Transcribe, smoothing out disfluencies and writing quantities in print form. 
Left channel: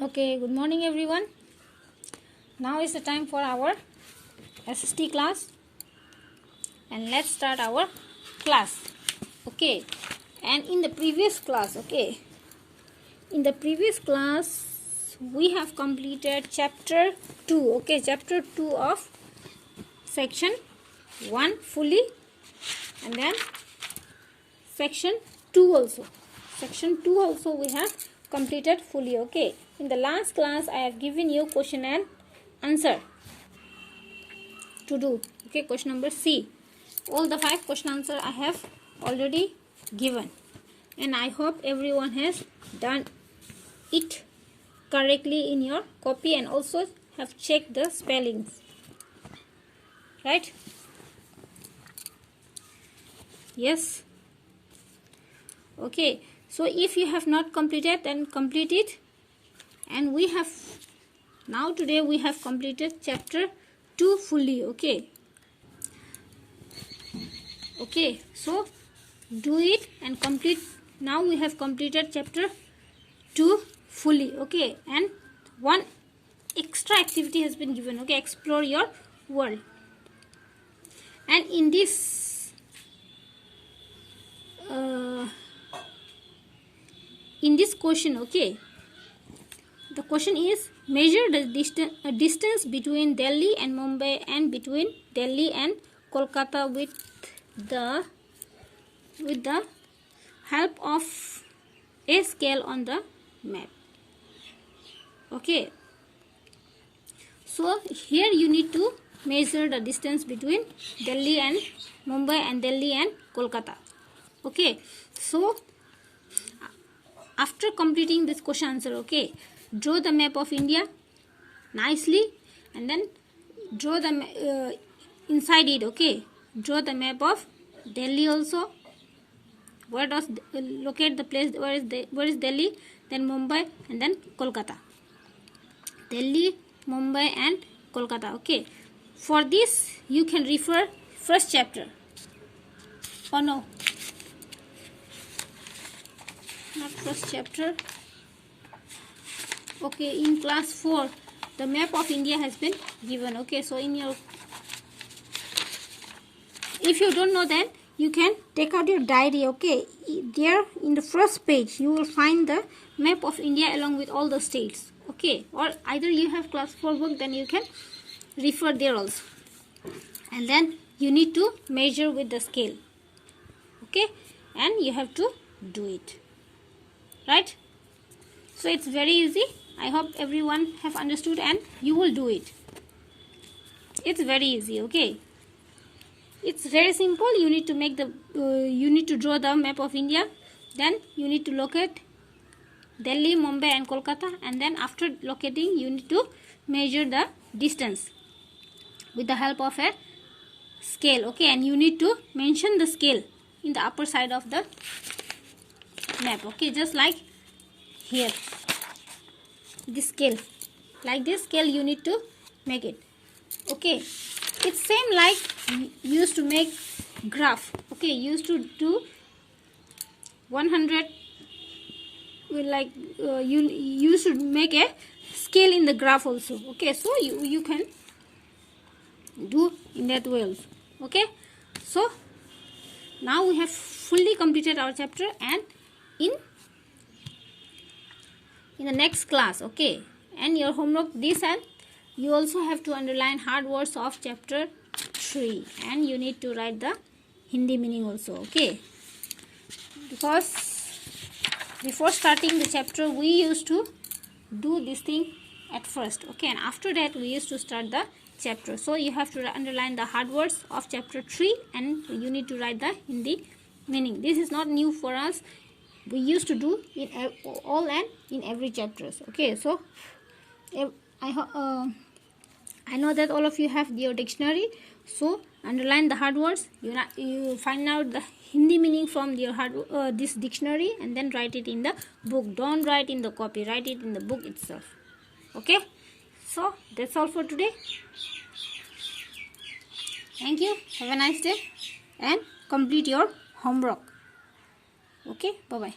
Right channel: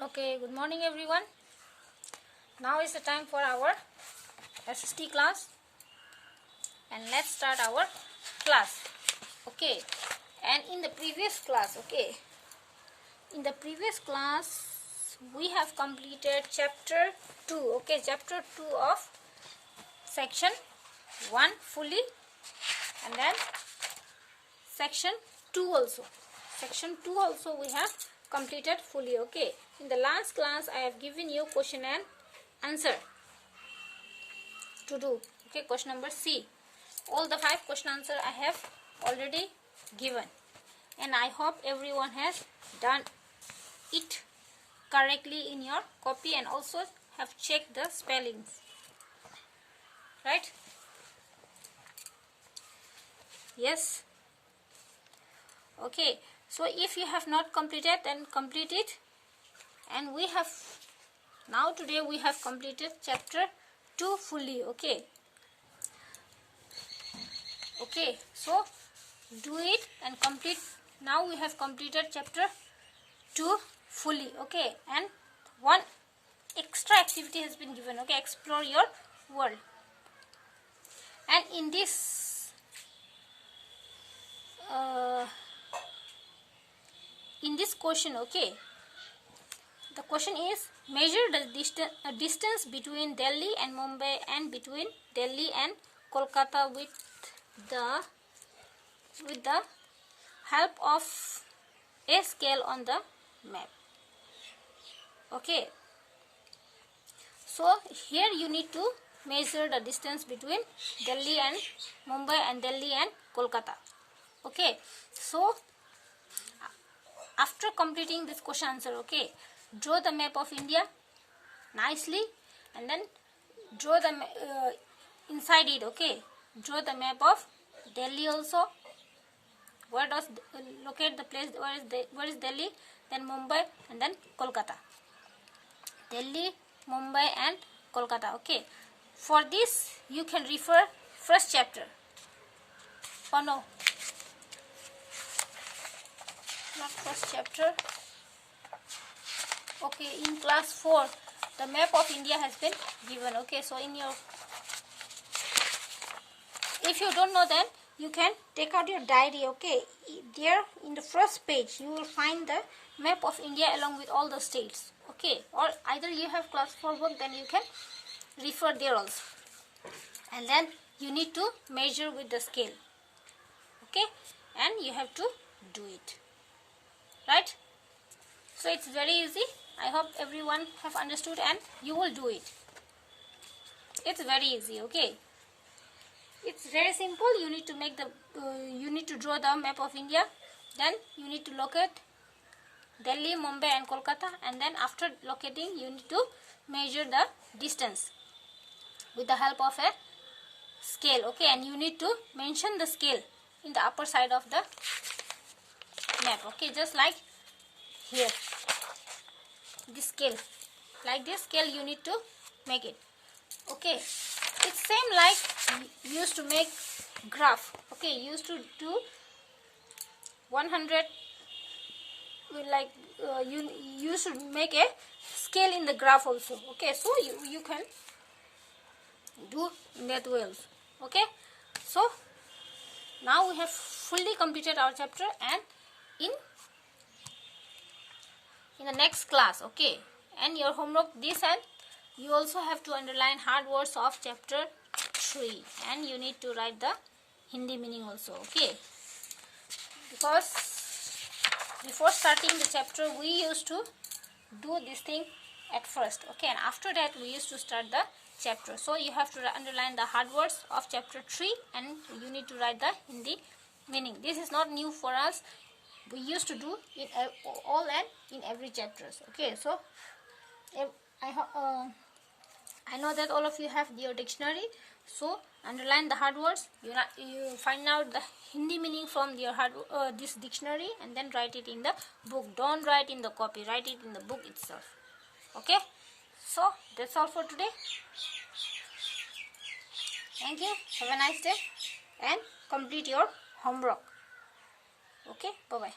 Okay, good morning everyone. Now is the time for our SST class and let's start our class. Okay, and in the previous class, we have completed chapter 2, chapter 2 of section 1 fully, and then section 2 also. Section 2 also we have completed fully. Okay, in the last class I have given you question and answer to do. Okay, question number C. All the 5 question answer I have already given, and I hope everyone has done it correctly in your copy and also have checked the spellings, right? Yes. Okay, so if you have not completed, then complete it. And we have now today we have completed chapter 2 fully. Okay, so do it and complete. Now we have completed chapter 2 fully. Okay, and one extra activity has been given. Okay, explore your world. And in this question, okay, the question is measure the distance between Delhi and Mumbai and between Delhi and Kolkata with the help of a scale on the map. Okay, so here you need to measure the distance between Delhi and Mumbai and Delhi and Kolkata. Okay, so after completing this question answer, okay, draw the map of India nicely and then draw the inside it. Okay, draw the map of Delhi also. Where does locate the place? Where is Delhi? Then Mumbai and then Kolkata. Delhi, Mumbai and Kolkata. Okay, for this you can refer first chapter. Oh no, not first chapter. Okay, in class 4 the map of India has been given. Okay, so in your, if you don't know, then you can take out your diary. Okay, there in the first page you will find the map of India along with all the states. Okay, or either you have class 4 book, then you can refer there also, and then you need to measure with the scale. Okay, and you have to do it, right? So it's very easy. I hope everyone have understood and you will do it. It's very easy. Okay, it's very simple. You need to make the you need to draw the map of India, then you need to locate Delhi, Mumbai and Kolkata, and then after locating you need to measure the distance with the help of a scale. Okay, and you need to mention the scale in the upper side of the map. Okay, just like here, this scale, like this scale you need to make it. Okay, it's same like you used to make graph. Okay, you used to do 100, like you used to make a scale in the graph also. Okay, so you can do in that way also. Okay, so now we have fully completed our chapter, and in the next class, okay, and your homework this, and you also have to underline hard words of chapter 3, and you need to write the Hindi meaning also. Okay, because before starting the chapter we used to do this thing at first. Okay, and after that we used to start the chapter. So you have to underline the hard words of chapter 3 and you need to write the Hindi meaning. This is not new for us. We used to do in all and in every chapters. Okay, so I know that all of you have your dictionary, so underline the hard words. You find out the Hindi meaning from your this dictionary and then write it in the book. Don't write in the copy, write it in the book itself. Okay, so that's all for today. Thank you, have a nice day and complete your homework. Okay, bye bye.